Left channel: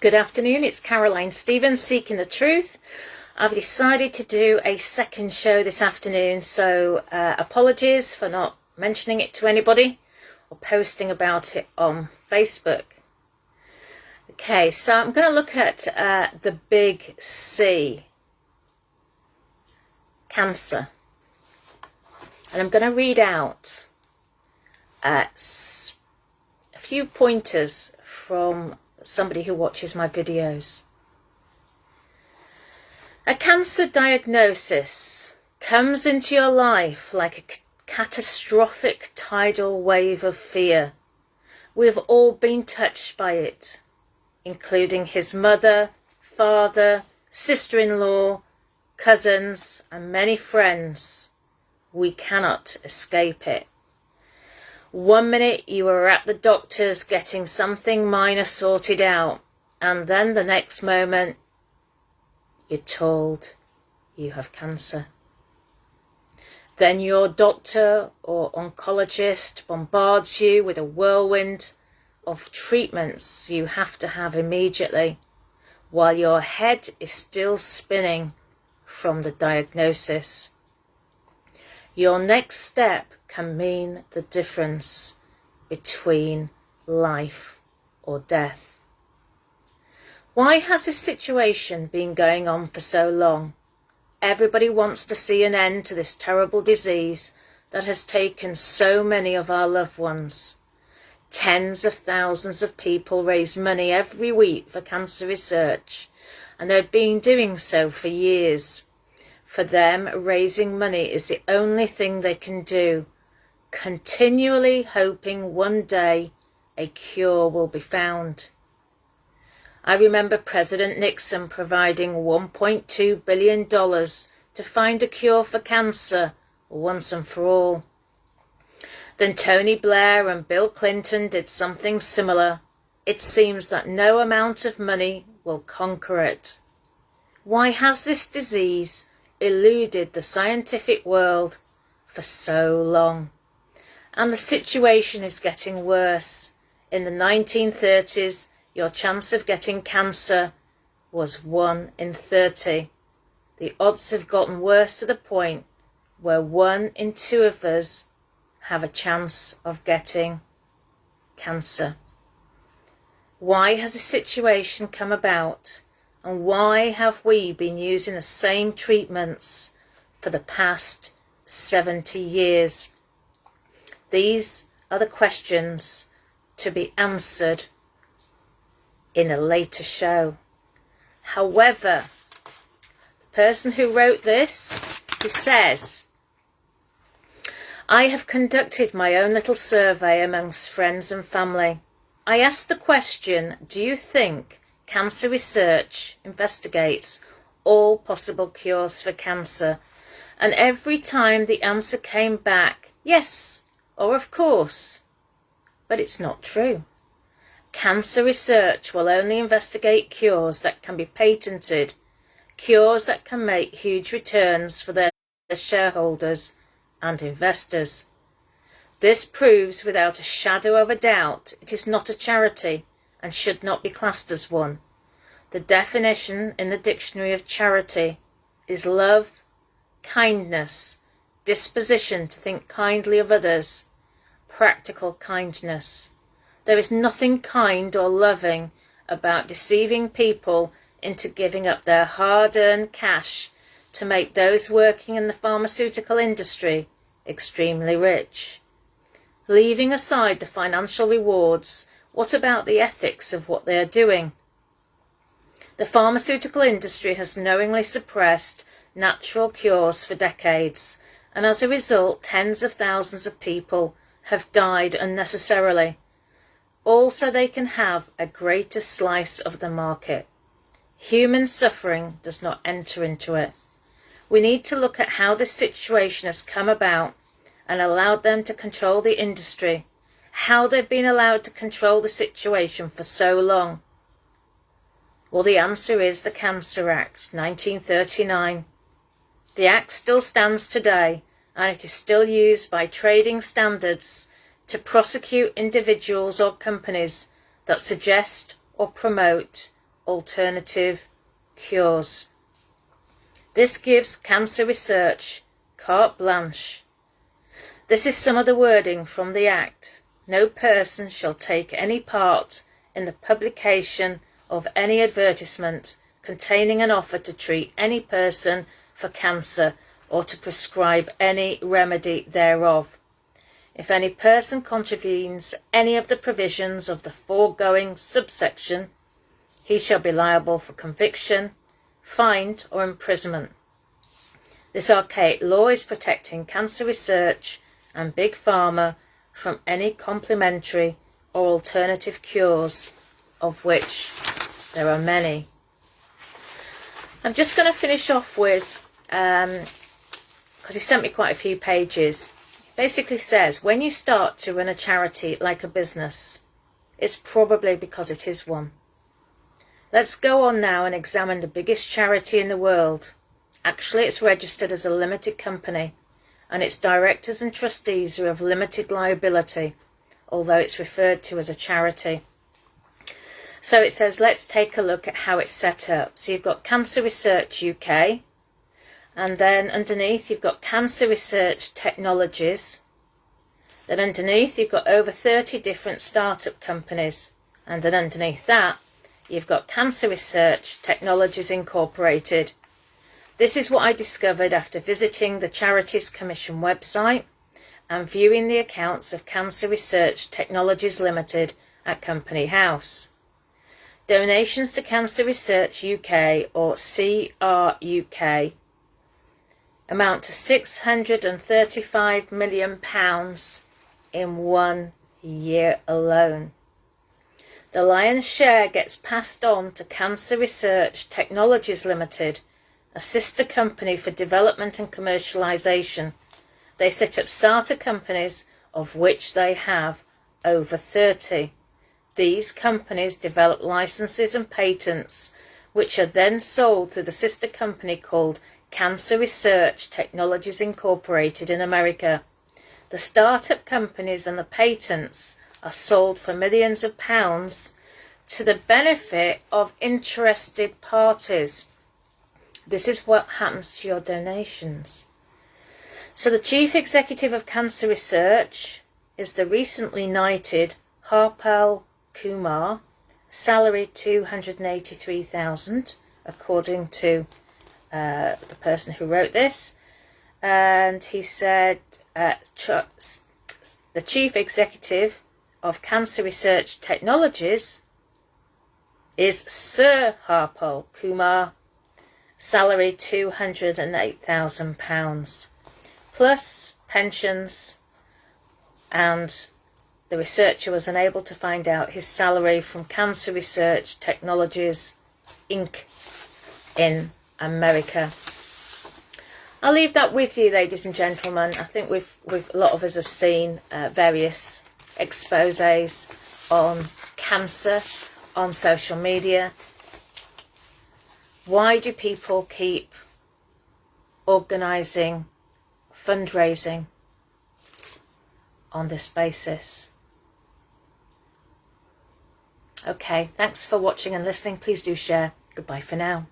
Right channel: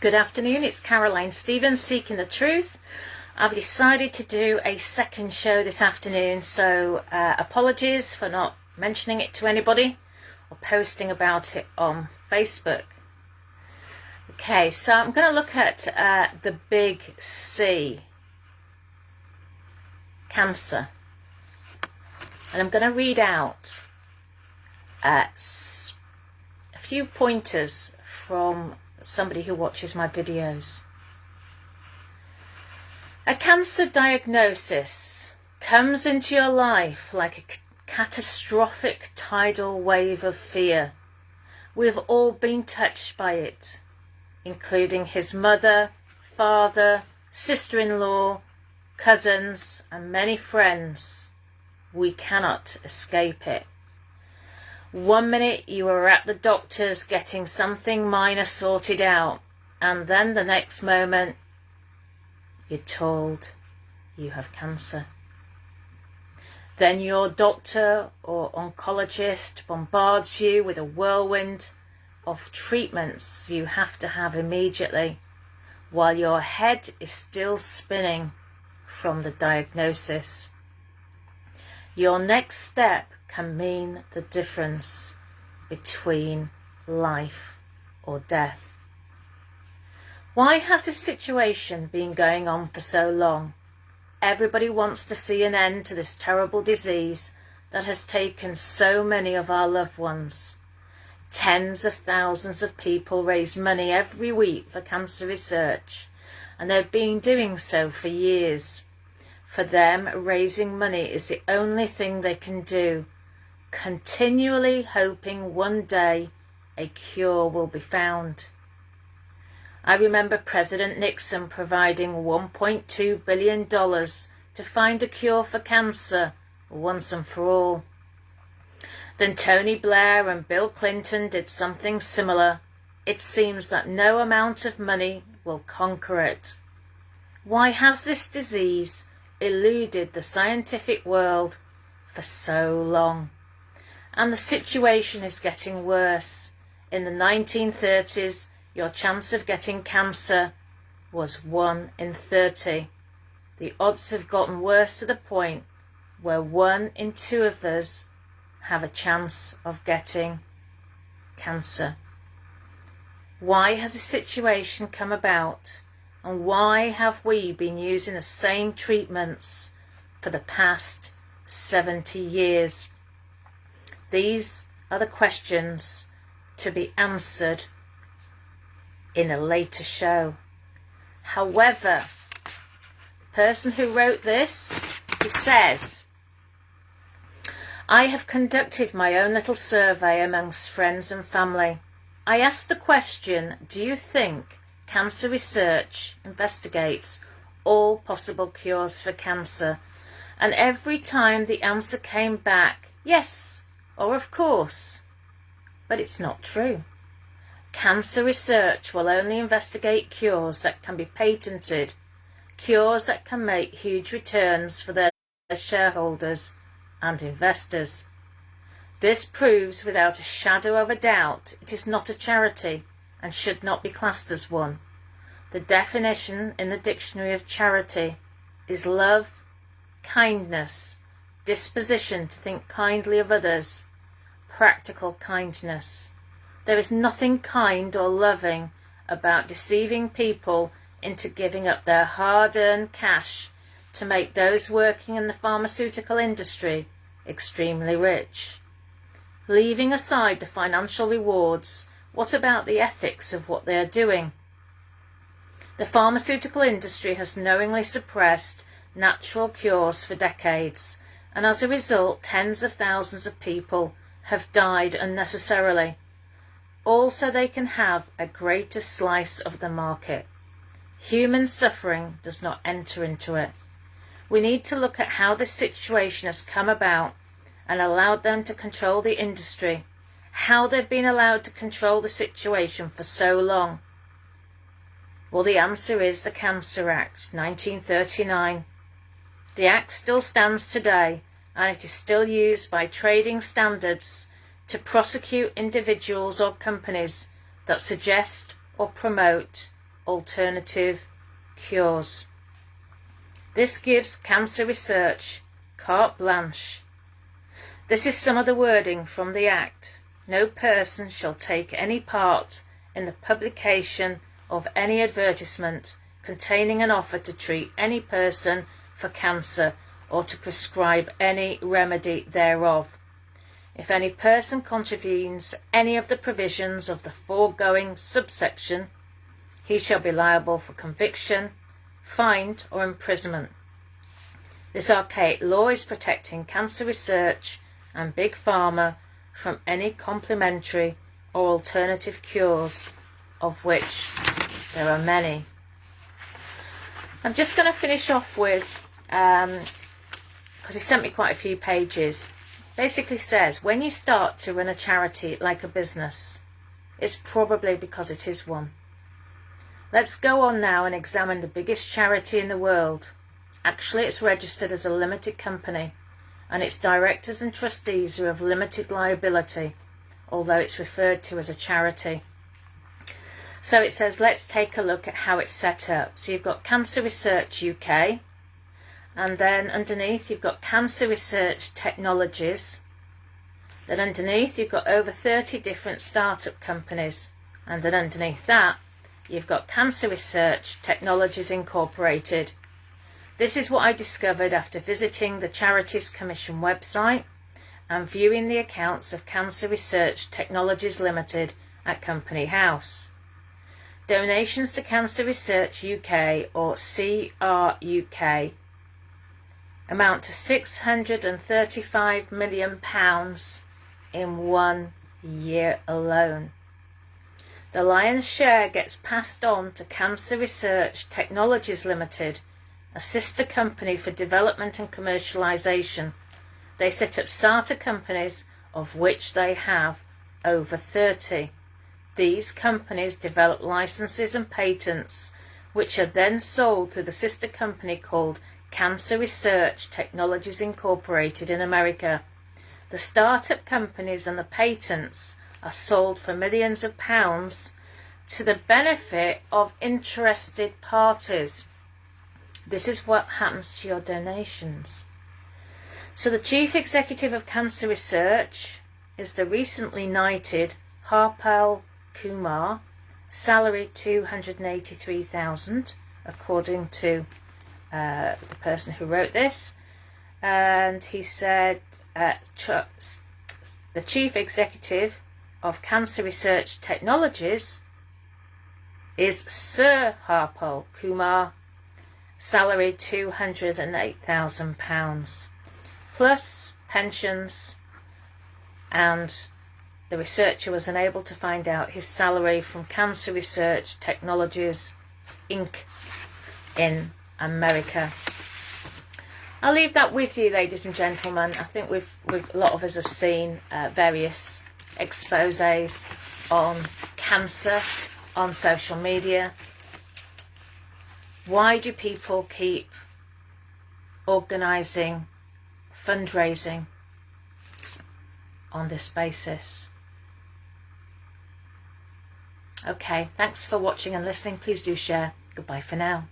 Good afternoon, it's Caroline Stevens, Seeking the Truth. I've decided to do a second show this afternoon, so apologies for not mentioning it to anybody or posting about it on Facebook. Okay, so I'm going to look at the big C, cancer. And I'm going to read out a few pointers from somebody who watches my videos. A cancer diagnosis comes into your life like a catastrophic tidal wave of fear. We've all been touched by it, including his mother, father, sister-in-law, cousins, and many friends. We cannot escape it. 1 minute you are at the doctor's getting something minor sorted out, and then the next moment you're told you have cancer. Then your doctor or oncologist bombards you with a whirlwind of treatments you have to have immediately, while your head is still spinning from the diagnosis. Your next step can mean the difference between life or death. Why has this situation been going on for so long? Everybody wants to see an end to this terrible disease that has taken so many of our loved ones. Tens of thousands of people raise money every week for cancer research, and they've been doing so for years. For them, raising money is the only thing they can do, continually hoping one day a cure will be found. I remember President Nixon providing $1.2 billion to find a cure for cancer once and for all. Then Tony Blair and Bill Clinton did something similar. It seems that no amount of money will conquer it. Why has this disease eluded the scientific world for so long? And the situation is getting worse. In the 1930s, your chance of getting cancer was 1 in 30. The odds have gotten worse to the point where 1 in 2 of us have a chance of getting cancer. Why has the situation come about? And why have we been using the same treatments for the past 70 years? These are the questions to be answered in a later show. However, the person who wrote this, he says, I have conducted my own little survey amongst friends and family. I asked the question, do you think cancer research investigates all possible cures for cancer? And every time the answer came back, yes, or of course. But it's not true. Cancer research will only investigate cures that can be patented, cures that can make huge returns for their shareholders and investors. This proves without a shadow of a doubt it is not a charity and should not be classed as one. The definition in the dictionary of charity is love, kindness, disposition to think kindly of others, practical kindness. There is nothing kind or loving about deceiving people into giving up their hard-earned cash to make those working in the pharmaceutical industry extremely rich. Leaving aside the financial rewards, what about the ethics of what they are doing? The pharmaceutical industry has knowingly suppressed natural cures for decades, and as a result, tens of thousands of people have died unnecessarily. Also, they can have a greater slice of the market. Human suffering does not enter into it. We need to look at how this situation has come about and allowed them to control the industry, how they've been allowed to control the situation for so long. Well, the answer is the Cancer Act, 1939. The Act still stands today, and it is still used by trading standards to prosecute individuals or companies that suggest or promote alternative cures. This gives cancer research carte blanche. This is some of the wording from the Act. No person shall take any part in the publication of any advertisement containing an offer to treat any person for cancer or to prescribe any remedy thereof. If any person contravenes any of the provisions of the foregoing subsection, he shall be liable for conviction, fine, or imprisonment. This archaic law is protecting cancer research and Big Pharma from any complementary or alternative cures, of which there are many. I'm just going to finish off with, because he sent me quite a few pages, basically says, when you start to run a charity like a business, it's probably because it is one. Let's go on now and examine the biggest charity in the world. Actually, it's registered as a limited company, and its directors and trustees are of limited liability, although it's referred to as a charity. So it says, let's take a look at how it's set up. So you've got Cancer Research UK, and then underneath you've got Cancer Research Technologies. Then underneath you've got over 30 different startup companies, and then underneath that you've got Cancer Research Technologies Incorporated. This is what I discovered after visiting the Charities Commission website and viewing the accounts of Cancer Research Technologies Limited at Company House. Donations to Cancer Research UK, or CRUK, amount to £635 million in 1 year alone. The lion's share gets passed on to Cancer Research Technologies Limited, a sister company for development and commercialisation. They set up starter companies, of which they have over 30. These companies develop licenses and patents, which are then sold to the sister company called Cancer Research Technologies Incorporated in America. The startup companies and the patents are sold for millions of pounds to the benefit of interested parties. This is what happens to your donations. So the chief executive of Cancer Research is the recently knighted Harpal Kumar, salary $283,000, according to the person who wrote this. And he said the chief executive of Cancer Research Technologies is Sir Harpal Kumar, salary £208,000, plus pensions, and the researcher was unable to find out his salary from Cancer Research Technologies Inc. in America. I'll leave that with you, ladies and gentlemen. I think a lot of us have seen various exposés on cancer on social media. Why do people keep organising fundraising on this basis? Okay, thanks for watching and listening. Please do share. Goodbye for now.